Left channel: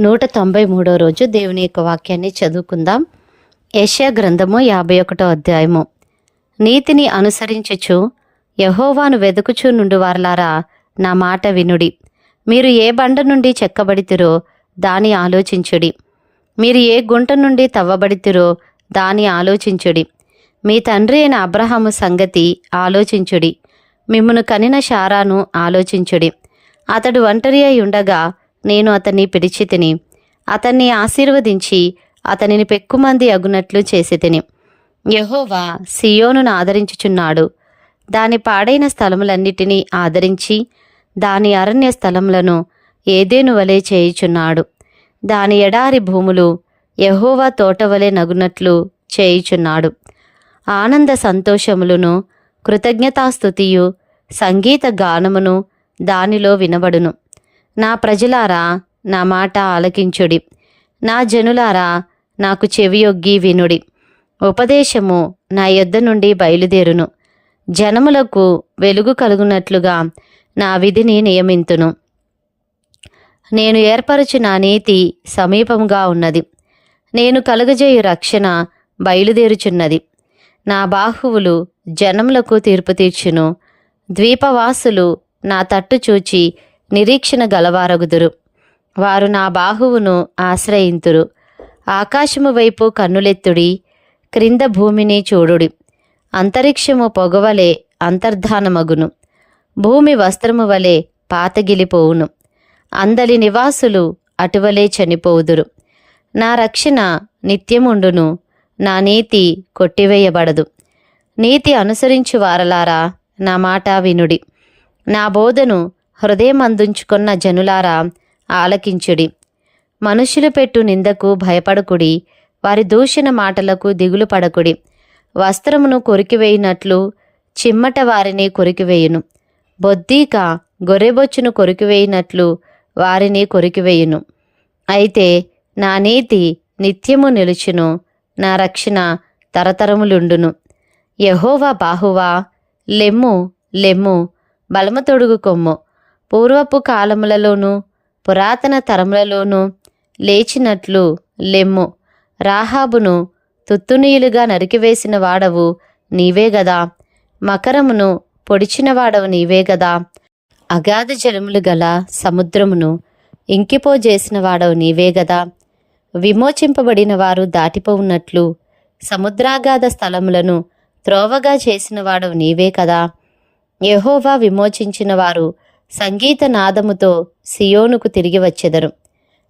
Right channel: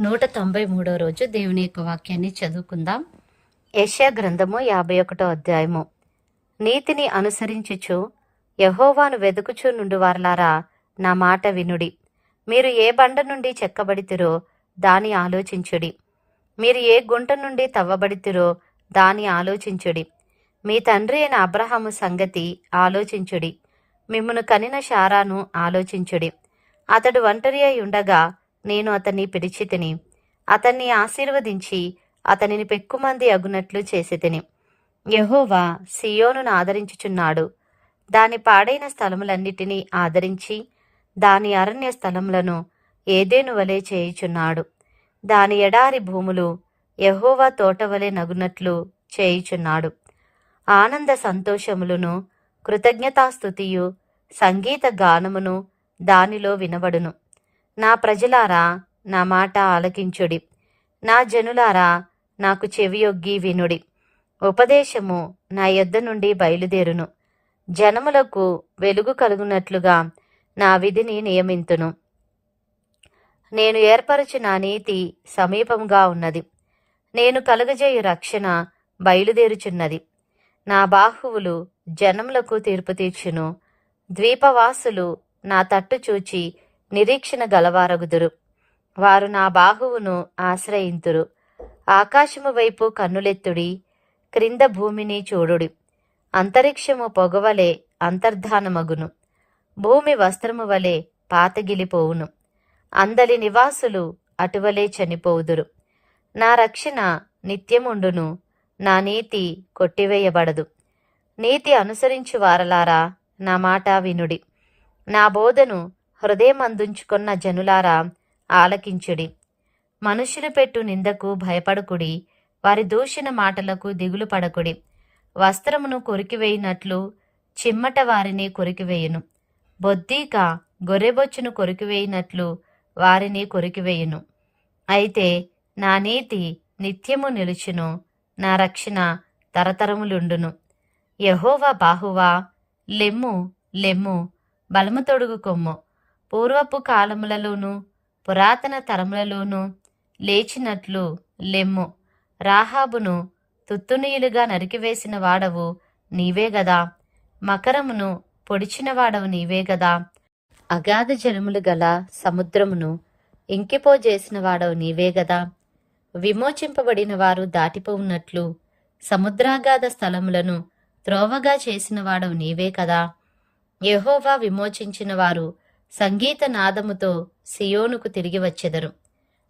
నూట తొంభై మూడో రోజు దేవుని యొక్క వాక్యాన్ని చదువుకుందాం. యెషయా గ్రంథము యాభై ఒకటో అధ్యాయము. నీతిని అనుసరించుచు యహోవాను వెదుకుచు నుండి వారలారా నా మాట వినుడి. మీరు ఏ బండ నుండి చెక్కబడితిరో దాని ఆలోచించుడి. మీరు ఏ గుంట నుండి తవ్వబడితిరో దాని ఆలోచించుడి. మీ తండ్రి అయిన అబ్రహాము సంగతి ఆలోచించుడి. మిమ్మను కనిన శారాను ఆలోచించుడి. అతడు ఒంటరి అయి ఉండగా నేను అతన్ని పిలిచి తిని అతన్ని ఆశీర్వదించి అతనిని పెక్కుమంది అగునట్లు చేసి తిని. యహోవా సియోనును ఆదరించుచున్నాడు. దాని పాడైన స్థలములన్నిటినీ ఆదరించి దాని అరణ్య స్థలములను ఏదేను వలె చేయుచున్నాడు. దాని ఎడారి భూములు యహోవా తోటవలె నగునట్లు చేయుచున్నాడు. ఆనంద సంతోషములను కృతజ్ఞతాస్థుతియు సంగీత గానమును దానిలో వినబడును. నా ప్రజలారా నా మాట ఆలకించుడి. నా జనులారా నాకు చెవియొగ్గి వినుడి. ఉపదేశము నా యొద్ద నుండి బయలుదేరును. జనములకు వెలుగు కలుగునట్లుగా నా విధిని నియమింతును. నేను ఏర్పరచిన నీతి సమీపంగా ఉన్నది. నేను కలుగజేయు రక్షణ బయలుదేరుచున్నది. నా బాహువులు జనములకు తీర్పు తీర్చును. ద్వీపవాసులు నా తట్టు చూచి నిరీక్షణ గలవారగుదురు. వారు నా బాహువును ఆశ్రయింతురు. ఆకాశము వైపు కన్నులెత్తుడి క్రింద భూమిని చూడుడి. అంతరిక్షము పొగవలే అంతర్ధానమగును. భూమి వస్త్రము వలె పాతగిలిపోవును. అందలి నివాసులు అటువలే చనిపోవుదురు. నా రక్షణ నిత్యముండును నా నీతి కొట్టివేయబడదు. నీతి అనుసరించు వారలారా నా మాట వినుడి. నా బోధను హృదయం అందించుకున్న జనులారా ఆలకించుడి. మనుషులు పెట్టు నిందకు భయపడకుడి వారి దూషణ మాటలకు దిగులు పడకుడి. వస్త్రమును కొరికివేయినట్లు చిమ్మట వారిని కొరికివేయును. బొద్దీక గొర్రెబొచ్చును కొరికివేయినట్లు వారిని కొరికివేయును. అయితే నా నీతి నిత్యము నిలుచును నా రక్షణ తరతరములుండును. యహోవా బాహువా లెమ్ము లెమ్ము బలము తొడుగు కొమ్ము. పూర్వపు కాలములలోనూ పురాతన తరములలోనూ లేచినట్లు లెమ్ము. రాహాబును తుత్తునీయులుగా నరికివేసిన వాడవు నీవే గదా. మకరమును పొడిచిన వాడవు నీవే గదా. అగాధ జలములు గల సముద్రమును ఇంకిపోజేసిన వాడవు నీవే గదా. విమోచింపబడిన వారు దాటిపోవున్నట్లు సముద్రాగాధ స్థలములను త్రోవగా చేసిన వాడవు నీవే కదా. యహోవా విమోచించిన వారు సంగీత నాదముతో సియోనుకు తిరిగి వచ్చెదరు.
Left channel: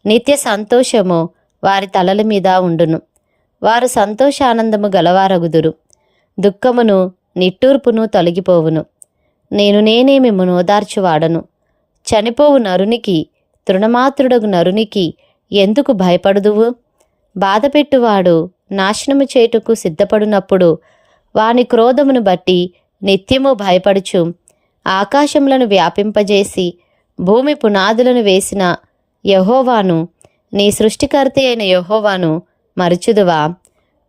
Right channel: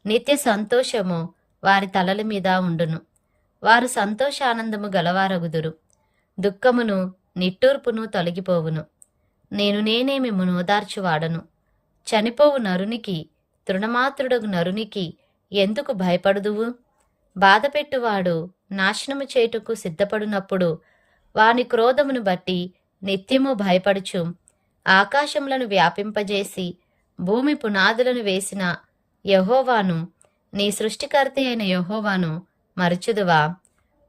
నిత్య సంతోషము వారి తలల మీద ఉండును. వారు సంతోషానందము గలవారగుదురు. దుఃఖమును నిట్టూర్పును తొలగిపోవును. నేను నేనే మిమ్మను ఓదార్చువాడను చనిపోవు నరునికి తృణమాత్రుడగు నరునికి ఎందుకు భయపడుదువు? బాధపెట్టువాడు నాశనము చేయుటకు సిద్ధపడినప్పుడు వాని క్రోధమును బట్టి నిత్యము భయపడుచు ఆకాశములను వ్యాపింపజేసి భూమి పునాదులను వేసిన యహోవాను నీ సృష్టికర్త అయిన యహోవాను మరుచుదువా?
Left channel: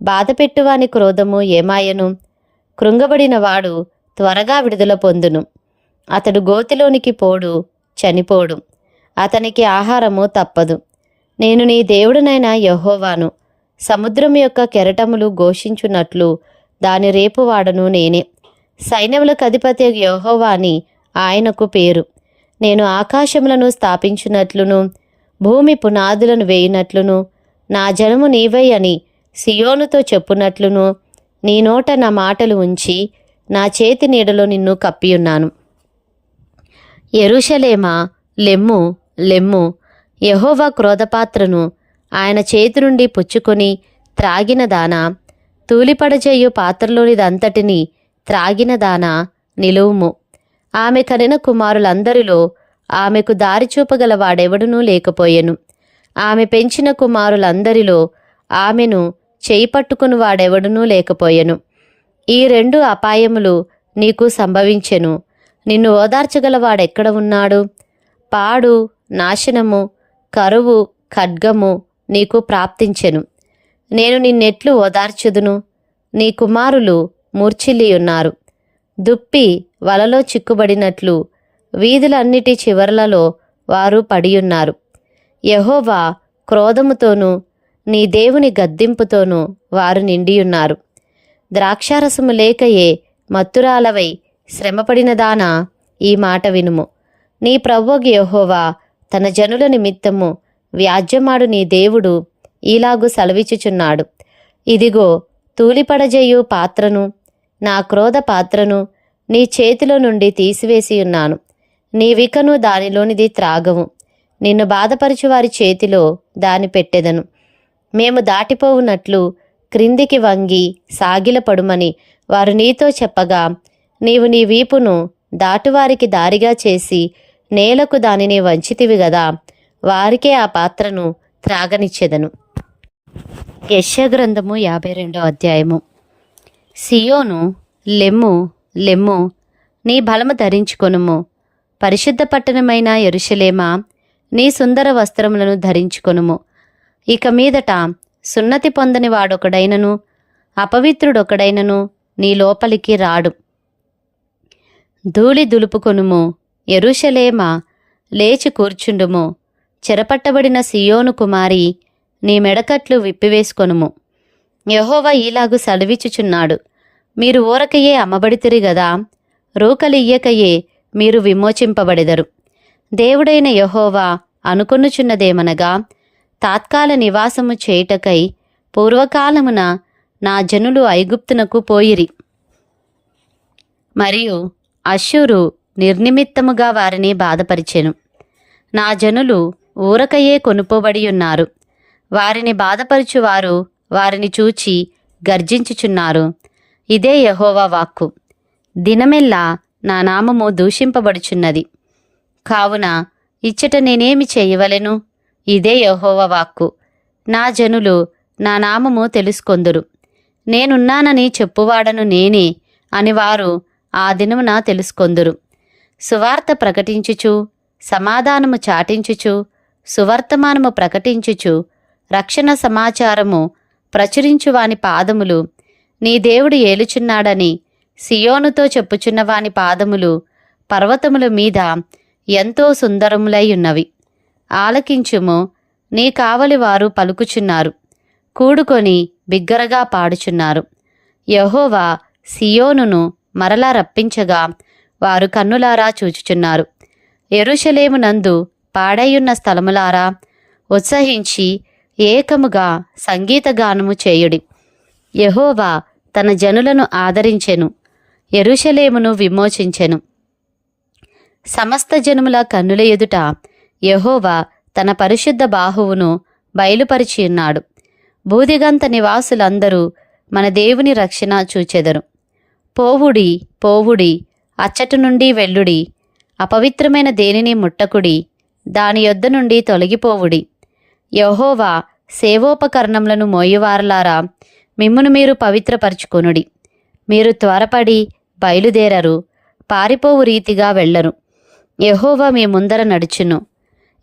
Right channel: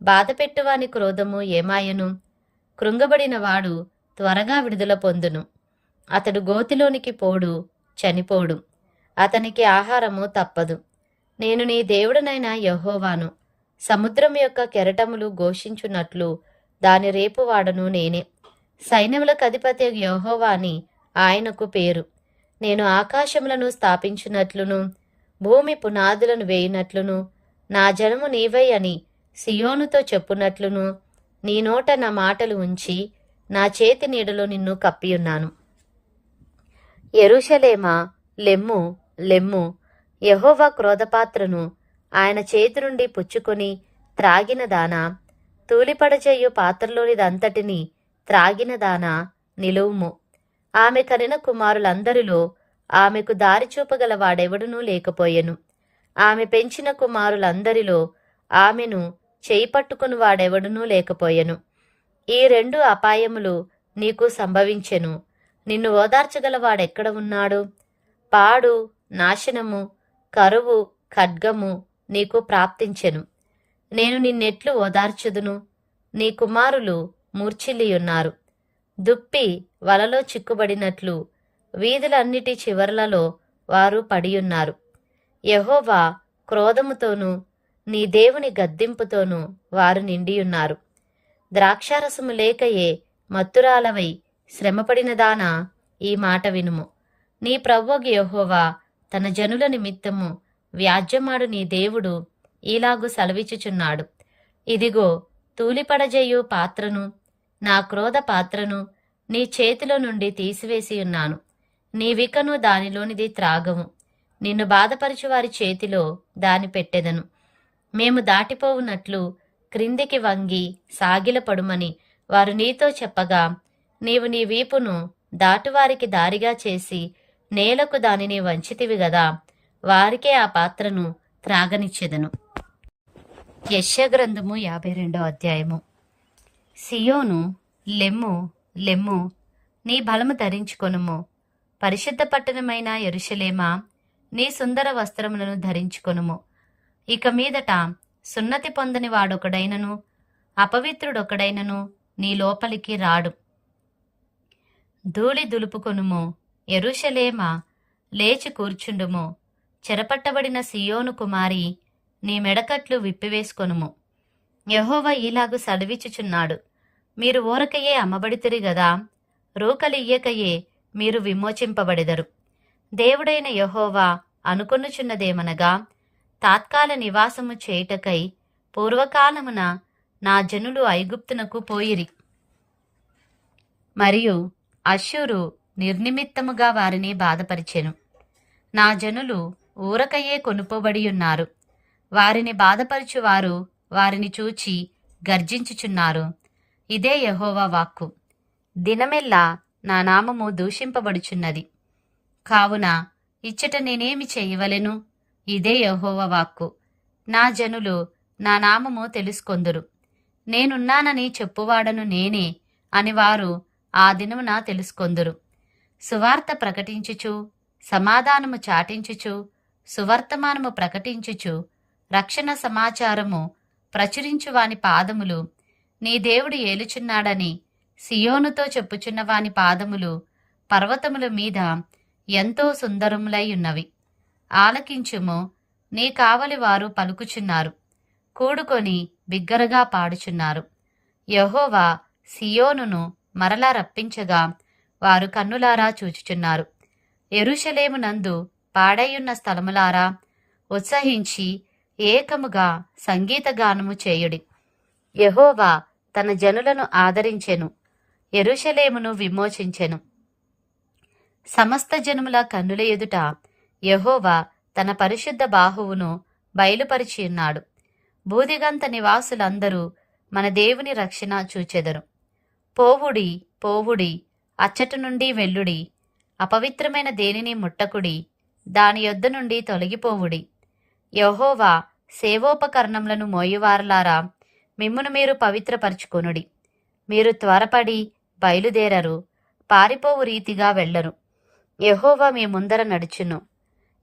బాధపెట్టువాని క్రోధము ఏమాయను? కృంగబడిన వాడు త్వరగా విడుదల పొందును. అతడు గోతిలోనికి పోడు చనిపోడు. అతనికి ఆహారము తప్పదు. నేను నీ దేవుడునైన యహోవాను సముద్రం యొక్క కెరటములు ఘోషించున్నట్లు దాని రేపువాడను నేనే. సైన్యములకు అధిపతి యహోవాని ఆయనకు పేరు. నేను ఆకాశములను స్థాపించినట్లును భూమి పునాదులను వేయినట్లును నా జనము నీవై అని సియోనుతో చెప్పునట్లును. నీ నోట నా మాటలు ఉంచి నా చేతి నీడలో నిన్ను కప్పియున్నాను. ఎరుషలేమా లెమ్ము లెమ్ము యహోవా క్రోధపాత్రను ఆయన చేతి నుండి పుచ్చుకొని త్రాగిన దానా తూలిపడచేయు పాత్రలోనిదంతటిని త్రాగిన దాన నిలువుము. ఆమె కనిన కుమారులందరిలో ఆమెకు దారి చూపగల వాడెవడునూ లేకపోయెను. ఆమె పెంచిన కుమారులందరిలో ఆమెను చేయి పట్టుకుని వాడెవడునూ లేకపోయెను. ఈ రెండు అపాయములు నీకు సంభవించెను. నిన్ను ఓదార్చగల వాడెక్కడ ఉన్నాడు? పాడు నాశనము కరువు ఖడ్గము నీకు ప్రాప్తించెను. నేను నిన్నెట్లు ఓదార్చుదును. నీ కుమారులు మూర్ఛిల్లియున్నారు. దుప్పి వలలో చిక్కుబడినట్లు వీధులన్నిటి చివరలలో వారు పడియున్నారు. యహోవా క్రోధముతోనూ నీ దేవుని గద్దింపుతోనూ వారు నిండియున్నారు. ద్రాక్షారసము లేకయే మత్తురాలవై శ్రమపడినదానా ఈ మాట వినుము. నీ ప్రవ్వోగి యహోవా తన జనుల నిమిత్తము వ్యాజ్యమాడు నీ దేవుడు ఈలాగు సెలవిచ్చుచున్నాడు. ఇదిగో తూలిపడజేయు పాత్రను నా క్రోధ పాత్రను నీ చేతిలో నుండి తీసివేసి ఉన్నాను. నీ వికను దానిలోనిది త్రాగవు. నిన్ను బాధపరచు వారి చేతిలో దాని పెట్టెదను. మేము దాటిపోవునట్లు క్రిందికి వంగి సాగిలపడుమని వారు నీతో చెప్పగా నీవు నీ వీపును దాటువారికి దారిగా చేసి నేలకు దానిని వంచితివి గదా వారికే ఆ పాత్రను త్రాగనిచ్చెదను. యశ్యగ్రంథము యాభై రెండో అధ్యాయము. సియోను లెమ్ము లెమ్ము నీ బలము ధరించుకొనుము. పరిశుద్ధ పట్టణమైన ఎరుషలేమా నీ సుందర వస్త్రములను ధరించుకొనుము. ఇక మీదట సున్నతి పొందని వాడొకడైనను అపవిత్రుడొకడైనను నీ లోపలికి రాడు. ధూళి దులుపుకొనుము ఎరుషలేమ లేచి కూర్చుండుము. చెరపట్టబడిన సియోను కుమారి నీ మెడకట్లు విప్పివేసుకొనుము. యహోవ ఈలాగు సెలవిచ్చుచున్నాడు. మీరు ఊరకయే అమ్మబడితిరి గదా రూకలియ్యకయే మీరు విమోచింపబడెదరు. దేవుడైన యహోవా అనుకొనుచున్నదేమనగా తాత్కాల నివాసము చేయుటకై పూర్వకాలమున నా జనులు ఐగుప్తునకు పోయిరి. మరియు అశ్షూరు నిర్నిమిత్తముగా వారిని బాధపరిచెను. నా జనులు ఊరకయే కొనుపోబడి ఉన్నారు వారిని బాధపరుచువారు వారిని చూచి గర్జించుచున్నారు. ఇదే యహోవా వాక్కు. దినమెల్లా నా నామము దూషింపబడుచున్నది. కావున ఇచ్చట నేనేమి చేయవలెను? ఇదే యహోవా వాక్కు. నా జనులు నా నామము తెలుసుకొందురు. నేనున్నానని చెప్పువాడను నేనే అని వారు ఆ దినమున తెలుసుకొందురు. సువార్త ప్రకటించుచు సమాధానము చాటించుచు సువర్తమానము ప్రకటించుచు రక్షణ సమాచారము ప్రచురించువాని పాదములు నీ దేవుడు ఏలుచున్నాడని సియోనుతో చెప్పుచున్నవాని పాదములు పర్వతముల మీద ఎంతో సుందరములై ఉన్నవి. ఆలకించుము నీ కావలి వారు పలుకుచున్నారు కూడుకొని బిగ్గరగా పాడుచున్నారు. యహోవా సియోనును మరలా రప్పించగా వారు కన్నులారా చూచుచున్నారు. ఎరుషలేమునందు పాడైయున్న స్థలములారా ఉత్సహించి ఏకముగా సంగీతగానము చేయుడి. యహోవా తన జనులను ఆదరించెను ఎరుషలేమును విమోచించెను. సమస్త జనుముల కన్నుల ఎదుట యహోవా తన పరిశుద్ధ బాహువును బయలుపరిచియున్నాడు. బూదిగంత నివాసులందరూ మన దేవుని రక్షణ చూచెదరు. పోవుడి పోవుడి అచ్చటి నుండి వెల్లుడి అపవిత్రమైన దేనిని ముట్టకుడి దాని యొద్ద నుండి తొలగిపోవుడి. యహోవా సేవోపకరణములను మోయువారలారా మిమ్మును మీరు పవిత్రపరచుకొనుడి. మీరు త్వరపడి బయలుదేరరు పారిపోవు రీతిగా వెళ్ళరు. యహోవా మీ ముందర నడుచును.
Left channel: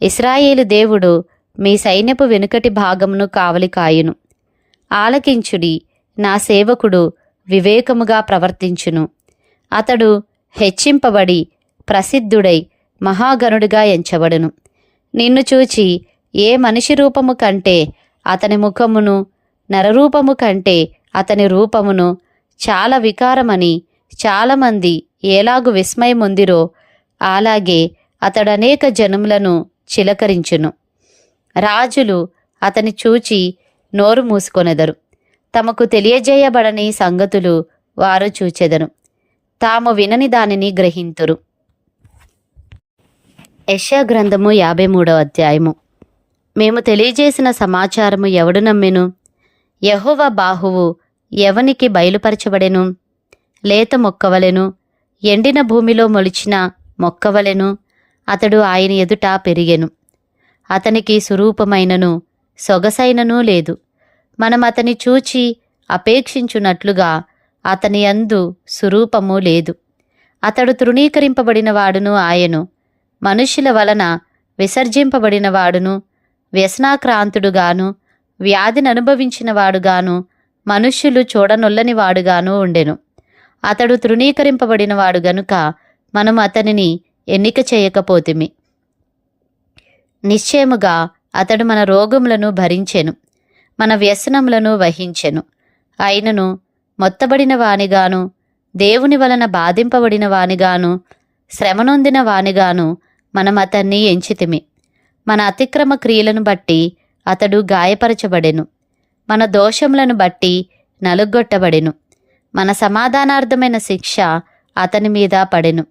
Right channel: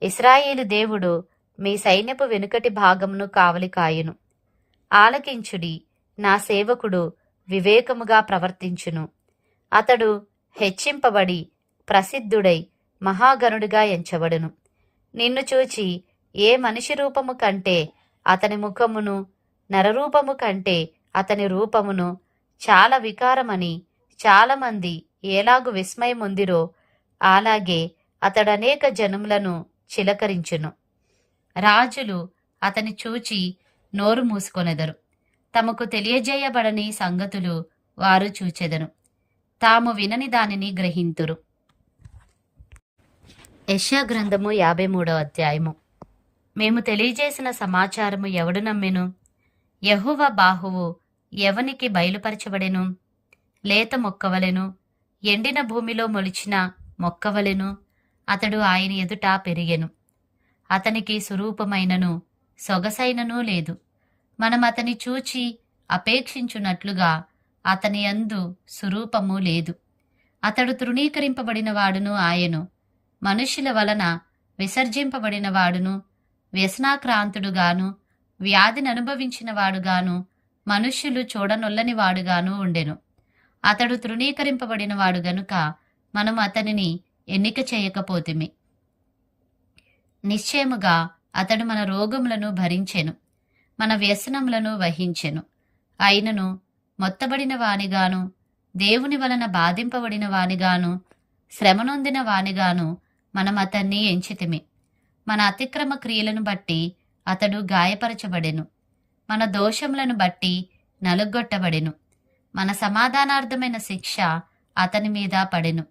ఇస్రాయేలు దేవుడు మీ సైన్యపు వెనుకటి భాగమును కావలి కాయును. ఆలకించుడి నా సేవకుడు వివేకముగా ప్రవర్తించును. అతడు హెచ్చింపబడి ప్రసిద్ధుడై మహాగణుడిగా ఎంచబడును. నిన్ను చూచి ఏ మనిషి రూపము కంటే అతని ముఖమును నరరూపము కంటే అతని రూపమును చాలా వికారమని చాలామంది ఎలాగు విస్మయముందిరో అలాగే అతడనేక జనములను చిలకరించును. రాజులు అతని చూచి నోరు మూసుకొనెదరు. తమకు తెలియజేయబడని సంగతులు వారు చూచెదను. తాము వినని దానిని గ్రహింతురు. యశా గ్రంథము యాభై మూడో అధ్యాయము. మేము తెలియజేసిన సమాచారము ఎవడు నమ్మెను? యహోవ బాహువు ఎవనికి బయలుపరచబడెను? లేత మొక్కవలెను? ఎండిన భూమిలో మొలిచిన మొక్కవలెను? అతడు ఆయన ఎదుట పెరిగెను. అతనికి సురూపమైనను సొగసైనను లేదు. మనం అతని చూచి అపేక్షించున్నట్లుగా అతని అందు సురూపము లేదు. అతడు తృణీకరింపబడిన వాడును ఆయను. మనుష్యుల వలన విసర్జింపబడిన వాడును వ్యసనాక్రాంతుడుగాను వ్యాధిని అనుభవించిన వాడుగాను మనుష్యులు చూడనొల్లని వాడుగాను ఉండెను. అతడు తృణీకరింపబడిన వాడు గనుక మనం అతనిని ఎన్నిక చేయకపోతిమి. నిశ్చయముగా అతడు మన రోగములను భరించెను మన వ్యసనములను వహించెను. అయినను మొత్తబడిన వానిగాను దేవుని వలన బాధింపబడిన వానిగాను శ్రమనొందిన వానిగాను మనం అతన్ని ఎంచితిమి. మన అతిక్రమ క్రియలను బట్టి అతడు గాయపరచబడెను. మన దోషములను బట్టి నలుగొట్టబడెను మన సమాధానార్థమైన శిక్ష అతని మీద పడెను.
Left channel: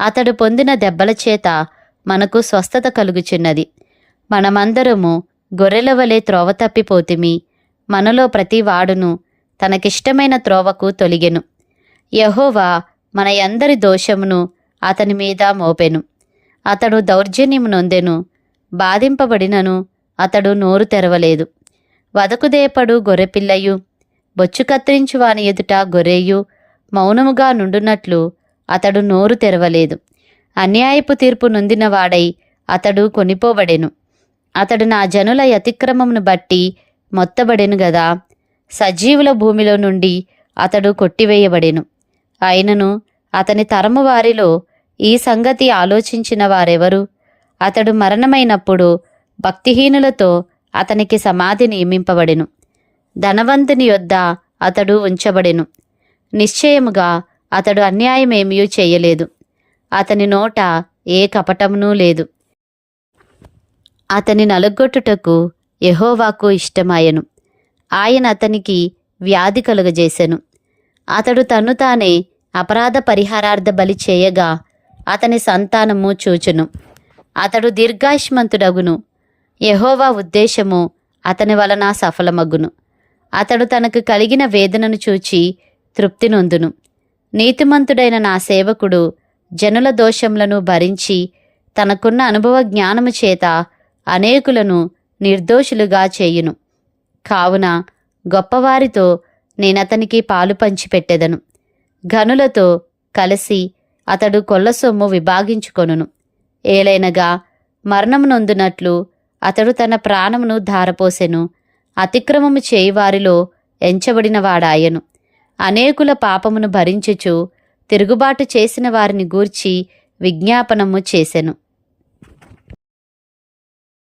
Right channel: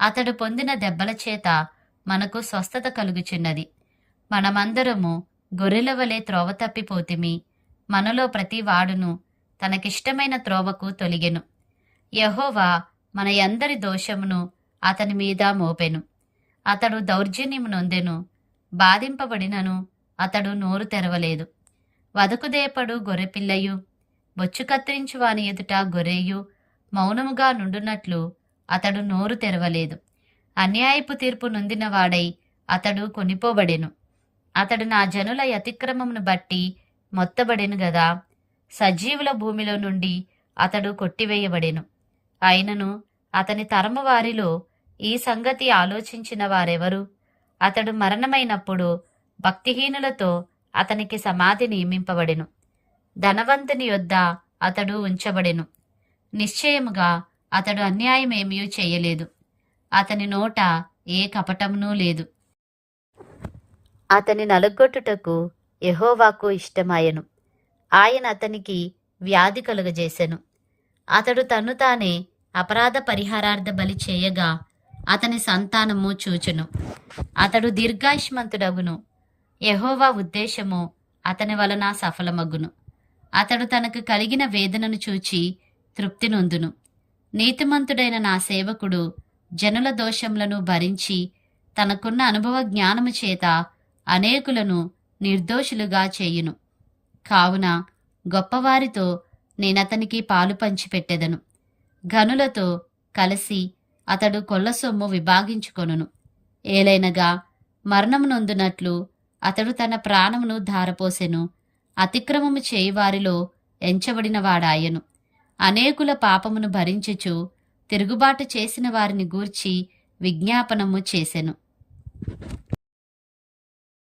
అతడు పొందిన దెబ్బల చేత మనకు స్వస్థత కలుగుచున్నది. మనమందరము గొర్రెల వలె త్రోవ తప్పిపోతిమి. మనలో ప్రతి వాడును తనకిష్టమైన త్రోవకు తొలిగెను. యహోవా మన అందరి దోషమును అతని మీద మోపెను. అతడు దౌర్జన్యము నొందెను. బాధింపబడినను అతడు నోరు తెరవలేదు. వదకుదేపడు గొర్రెపిల్లయు? బొచ్చు కత్తిరించు వాని ఎదుట గొర్రెయు? మౌనముగా నుండునట్లు అతడు నోరు తెరవలేదు. అన్యాయపు తీర్పు నొందినవాడై అతడు కొనిపోబడెను. అతడు నా జనుల అతిక్రమమును బట్టి మొత్తబడెను గదా? సజీవుల భూమిలో నుండి అతడు కొట్టివేయబడెను. అయినను అతని తరము వారిలో ఈ సంగతి ఆలోచించిన వారెవరు? అతడు మరణమైనప్పుడు భక్తిహీనులతో అతనికి సమాధి నియమింపబడెను. ధనవంతుని యొద్ద అతడు ఉంచబడెను. నిశ్చయముగా అతడు అన్యాయమేమీ చేయలేదు. అతని నోట ఏ కపటమునూ లేదు. అతని నలగొట్టుటకు యహోవాకు ఇష్టమాయెను. ఆయన అతనికి వ్యాధి కలుగజేసెను. అతడు తను తానే అపరాధ పరిహారార్థ బలి చేయగా అతని సంతానము చూచును. అతడు దీర్ఘాయుష్మంతుడగును. యహోవా ఉద్దేశము అతని వలన సఫలమగును అతడు తనకు కలిగిన వేదనను చూచి తృప్తి నొందును. నీతిమంతుడైన నా సేవకుడు జనుల దోషములను భరించి తనకున్న అనుభవ జ్ఞానము చేత అనేకులను నిర్దోషులుగా చేయును. కావున గొప్పవారితో నేనతనికి పాలు పంచిపెట్టెదను. ఘనులతో కలిసి అతడు కొల్ల సొమ్ము విభాగించుకొనును. ఏలైనగా మరణం నొందునట్లు అతడు తన ప్రాణమును ధారపోసెను. అతిక్రమము చేయువారిలో ఎంచబడినవాడాయను అనేకుల పాపమును భరించుచు తిరుగుబాటు చేసిన వారిని గూర్చి విజ్ఞాపనము చేసెను.